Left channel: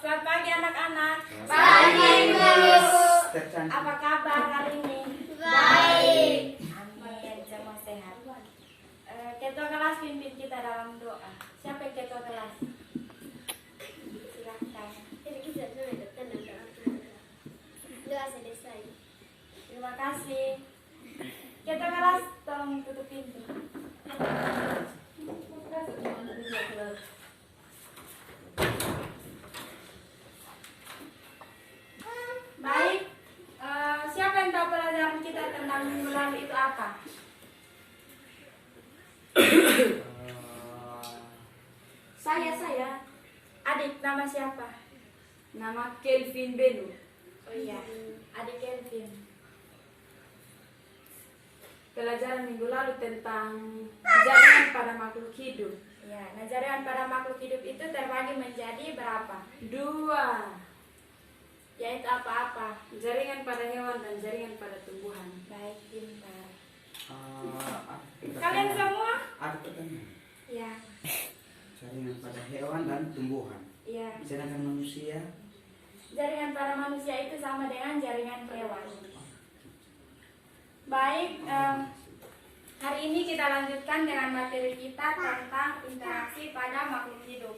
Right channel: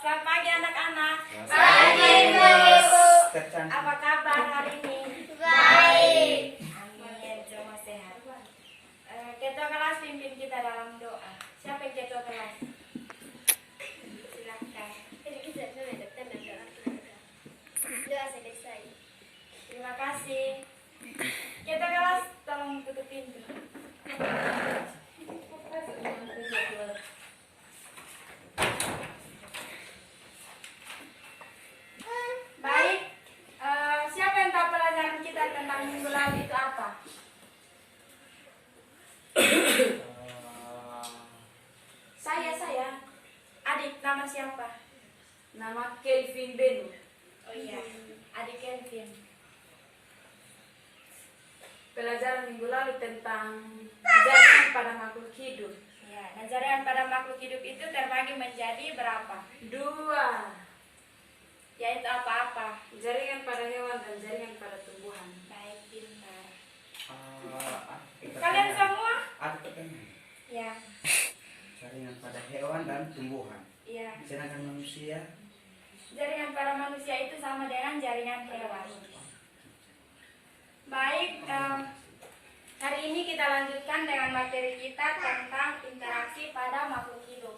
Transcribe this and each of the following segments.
Selamat pagi anak-anak. Pagi, Miss. Apa kabar hari ini? Baik. Amin, semua sehat. Ketua kelas pimpin kita dalam doa. Siapa yang ketua kelas? Silakan. Terima kasih. Ketua kelas tolong tutup pintu. Baik, siapa yang tahu pelajaran kita tentang minggu lalu itu apa? Saya. Adik, nama siapa? Nama Kelvin Benu. Oh iya, adik Kelvin. Pelajaran minggu lalu tentang jaringan pada makhluk hidup. Ya, nah jaringan pada makhluk hidup itu terbagi menjadi berapa? 2. Yaitu apa-apa? Jaringan pada hewan dan jaringan pada tumbuhan. Baik, pintar. Kalian Kalian semua? ada pertanyaan. Ya, Jaringan pada hewan dan tumbuhan. ya. Sedangkan manusia, Jaringan pada manusia itu sama dengan jaringan hewan. Baik, hari ini kita lanjutkan dengan materi kita tentang interaksi pada makhluk hidup.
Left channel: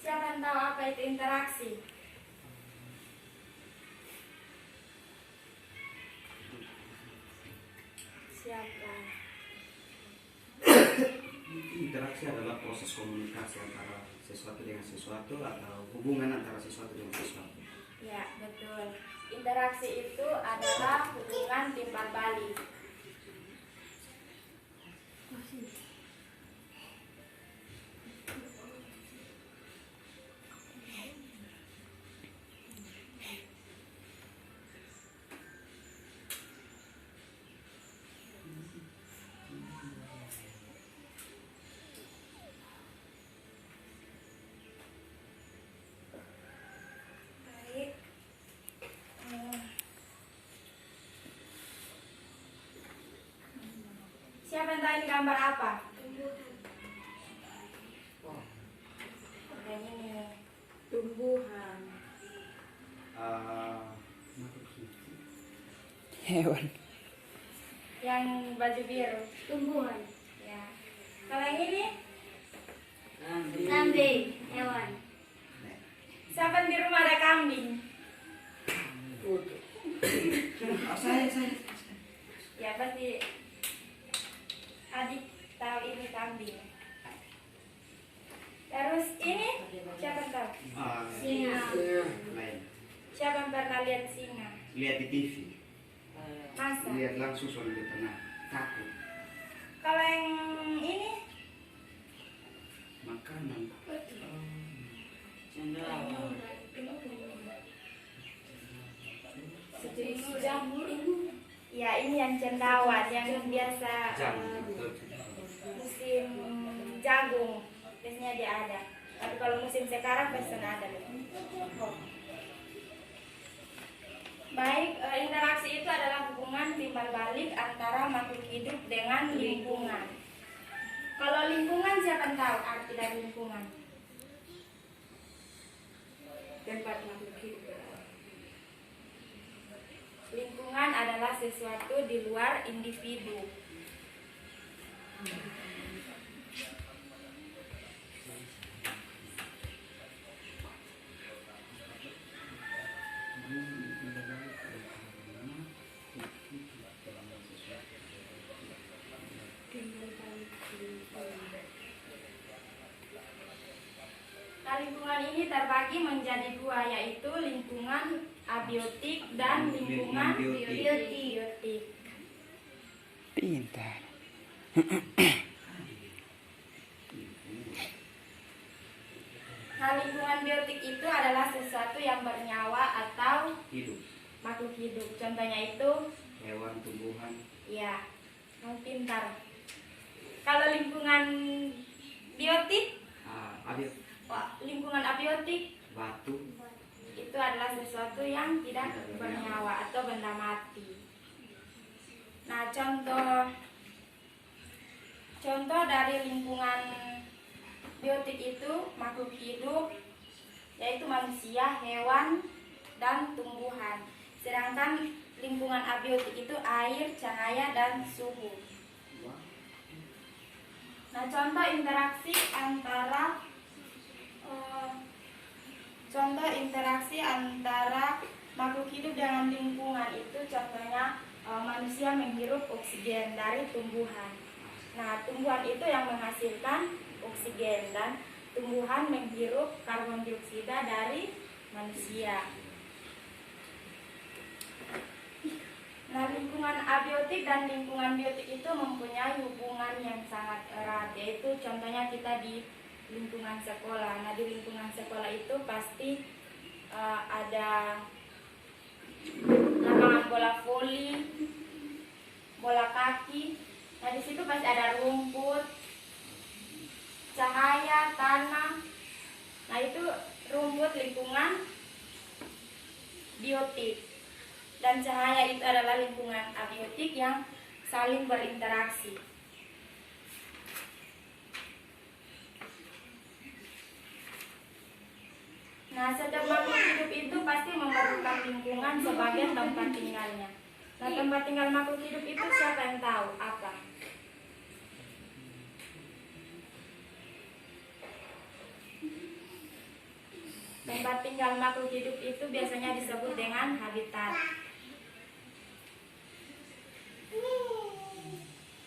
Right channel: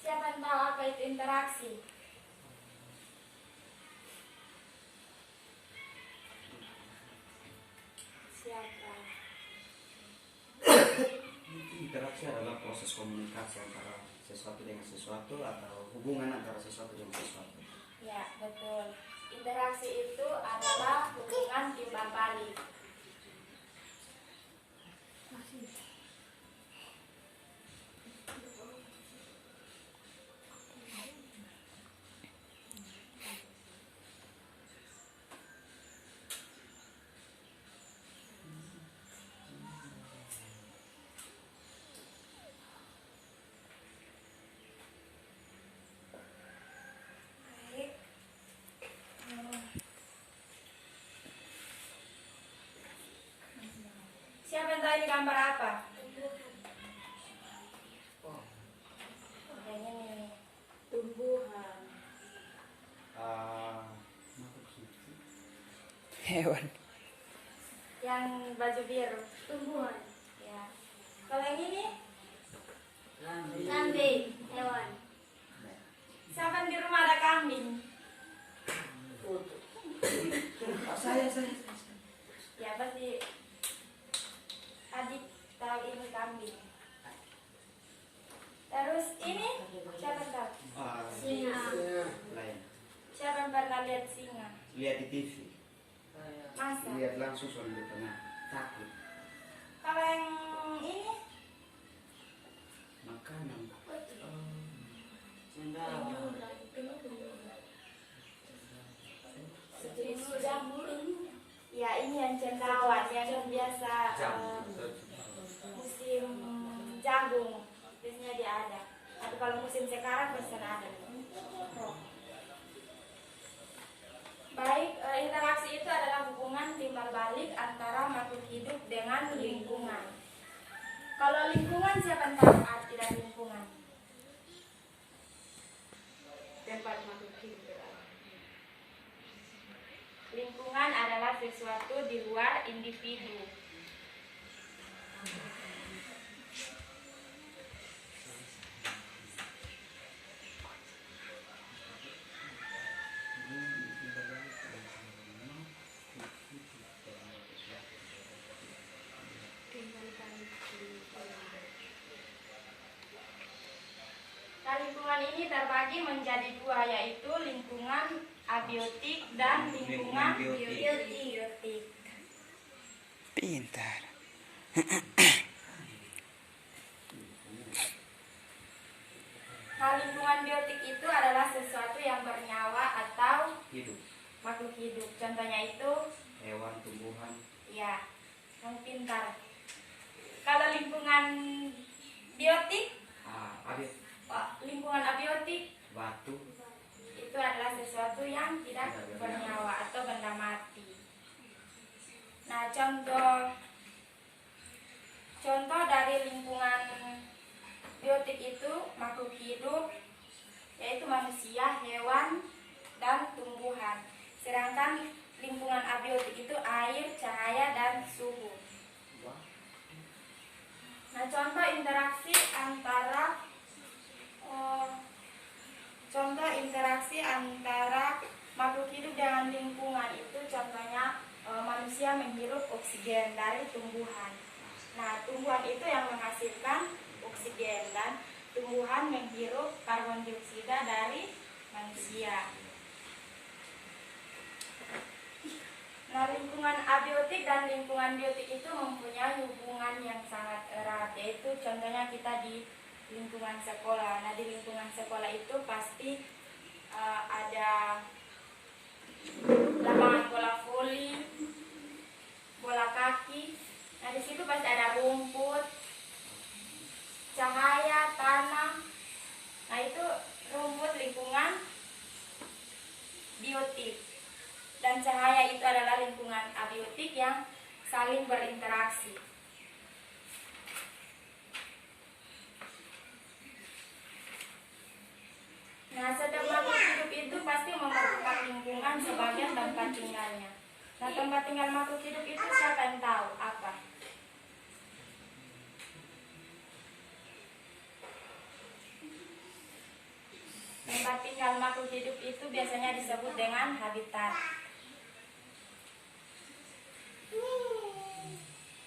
Siapa yang tahu apa itu interaksi? Siapa? interaksi adalah proses komunikasi antara sesuatu dengan sesuatu atau hubungan antara sesuatu dengan sesuatu. Ya, betul. Interaksi itu adalah hubungan timbal balik. Baik. Siapa yang tahu ini gambar apa? Ini. Tumbuhan. Makhluk hidup. Hewan. Yang baju biru. Tumbuhan. Ya. Kalau yang ini, Kambing. Hewan. siapa yang di rumah ada kambing? Saya. Ya, pasti adik tahu ini kambing. Terus ini, siapa yang tahu? Singa. Lain. Siapa yang pernah lihat singa? Lihat di TV. Masa? Lihat langsung soalnya dia pernah takut. Kalau yang ini, Makanan. sejenis jamur. Ya, ini yang cendawan yang biasa musim jagung biasanya dia ada. Tapi kalau musim sekarang pasti ada. Baik, interaksi itu adalah hubungan timbal balik antara makhluk hidup dengan lingkungan. Kalau lingkungan, siapa yang tahu arti dari lingkungan? Tempat makhluk hidup berada. Lingkungan adalah sesuatu di luar individu. Nah, lingkungan ini terbagi menjadi dua, yaitu lingkungan abiotik dan lingkungan biotik. biotik. Pintar. Nah, lingkungan biotik itu adalah sesuatu yang bernyawa atau Hidup. makhluk hidup. Contohnya itu, Hewan, tumbuhan. ya, kamu pintar. Kalau lingkungan biotik, lingkungan abiotik Batu. itu adalah sesuatu yang tidak bernyawa atau benda mati. Nah, contoh dari lingkungan biotik itu makhluk hidup, yaitu manusia, hewan, dan tumbuhan. Sedangkan lingkungan abiotik itu air, cahaya, dan suhu. Nah, contoh interaksi antara makhluk hidup dengan lingkungan itu contohnya manusia menghirup oksigen dari tumbuhan. Nah, tumbuhan itu yang menghasilkan oksigen dan tumbuhan menghirup karbon dioksida dari manusia. Nah, lingkungan abiotik dan lingkungan biotik itu mempunyai hubungan yang sangat erat, yaitu contohnya kita di lingkungan sekolah. Nah, di lingkungan sekolah itu pasti ada lapangan bola voli, bola kaki. Nah, di situ pasti ada rumput, cahaya, tanah. Nah, itu rumput lingkungan biotik. Dan cahaya itu adalah lingkungan abiotik yang saling berinteraksi. Nah, setiap makhluk hidup itu pasti memerlukan lingkungan sebagai tempat tinggalnya. Nah, tempat tinggal makhluk hidup itu siapa yang tahu apa? Tempat tinggal makhluk hidup itu biasanya disebut dengan habitat.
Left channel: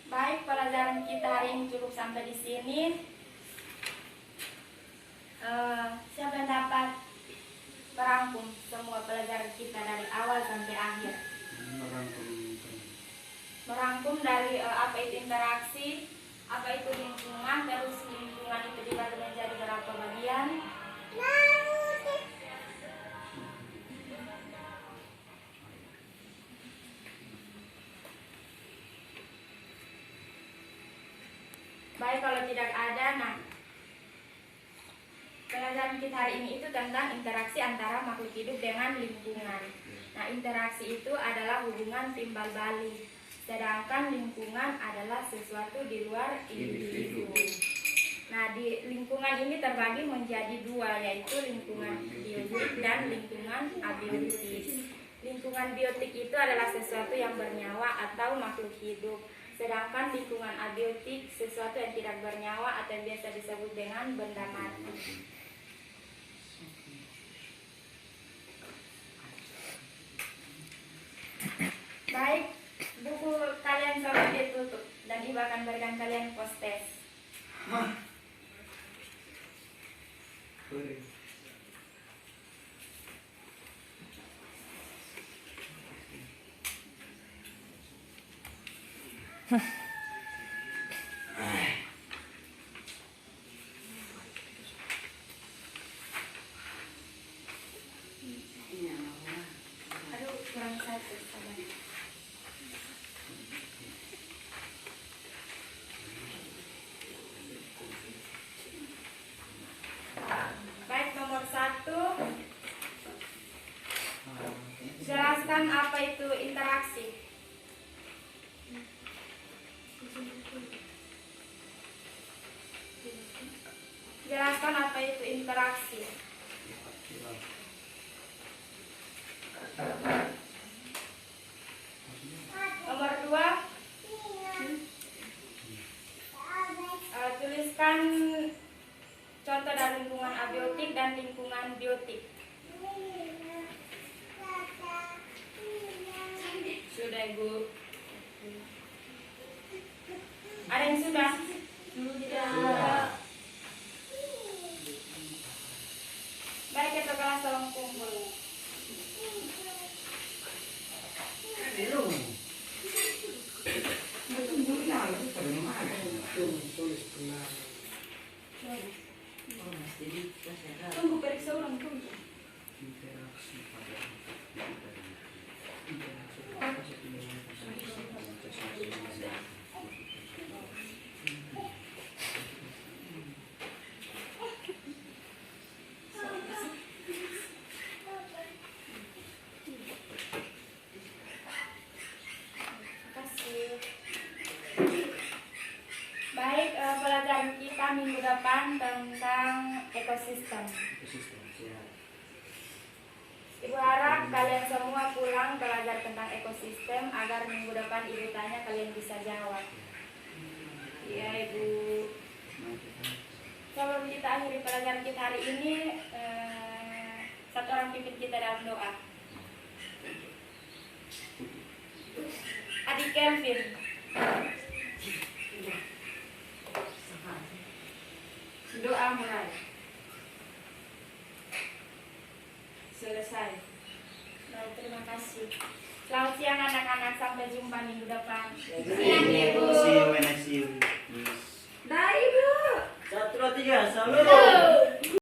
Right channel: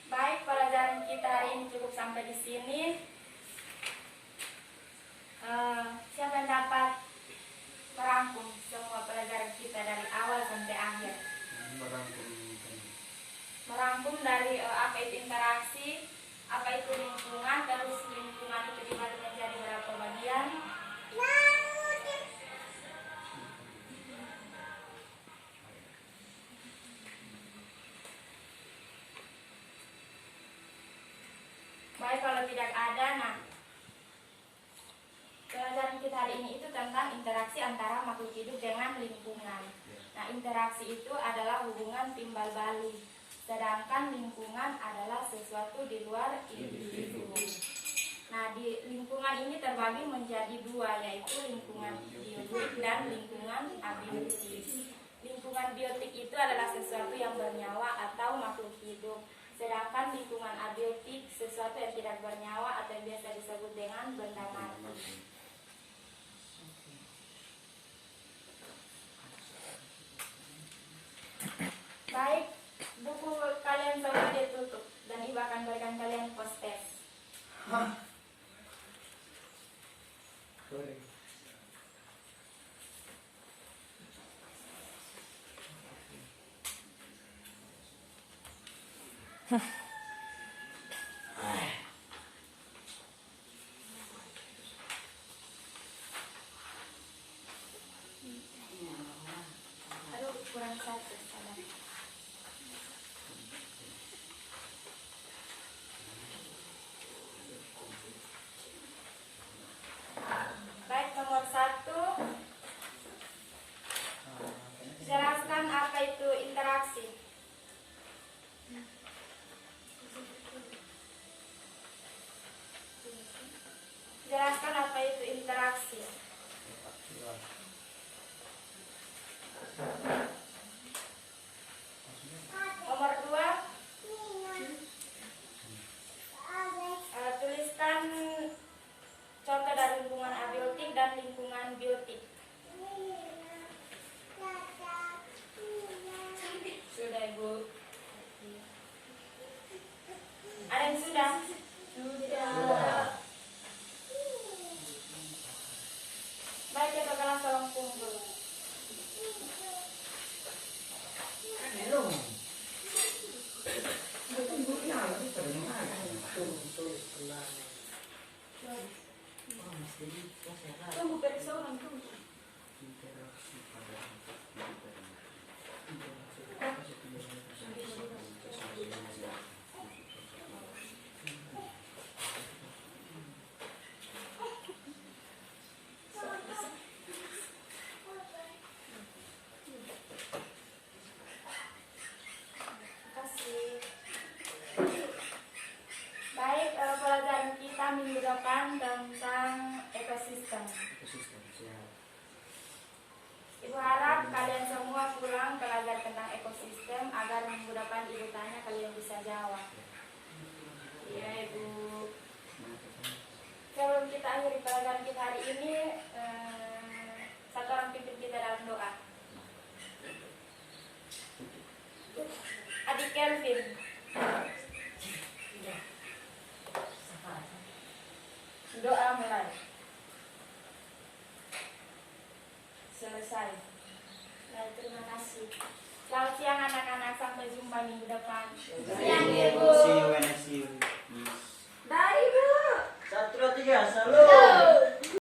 Baik, pelajaran kita hari ini cukup sampai di sini. Siapa yang dapat merangkum semua pelajaran kita dari awal sampai akhir? Merangkum dari apa itu interaksi, apa itu lingkungan, terus lingkungan itu dibagi menjadi berapa bagian. Baik, kalau tidak ada, nah pelajaran kita hari ini itu tentang interaksi antara makhluk hidup dengan lingkungan. Nah, interaksi itu adalah hubungan timbal balik, sedangkan lingkungan adalah sesuatu di luar individu. Nah, di lingkungan ini terbagi menjadi dua, yaitu lingkungan biotik dan lingkungan abiotik. Lingkungan biotik itu adalah sesuatu yang bernyawa atau makhluk hidup. Sedangkan lingkungan abiotik sesuatu yang tidak bernyawa atau yang biasa disebut dengan benda mati. Baik, buku kalian coba ditutup dan Ibu akan berikan kalian post test. Aduh, kurang satu sama. Baik, nomor 1. Jelaskan apa itu interaksi. Jelaskan apa itu interaksi. Nomor 2. Tuliskan contoh dari lingkungan abiotik dan lingkungan biotik. Sudah, Ibu. Ada yang sudah? Sudah. Baik, kita kelas tolong kumpul. depan tentang ekosistem. Ekosistem. Siap. Ibu harap kalian semua pulang belajar tentang ekosistem agar minggu depan ibu tanya kalian bisa jawab. Iya ibu. Sebelum kita akhiri pelajaran kita hari ini, satu orang pimpin kita dalam doa. Adik Kelvin. Doa mulai. Selesai. Baik, terima kasih. Selamat siang anak-anak, sampai jumpa minggu depan. Siang, Ibu.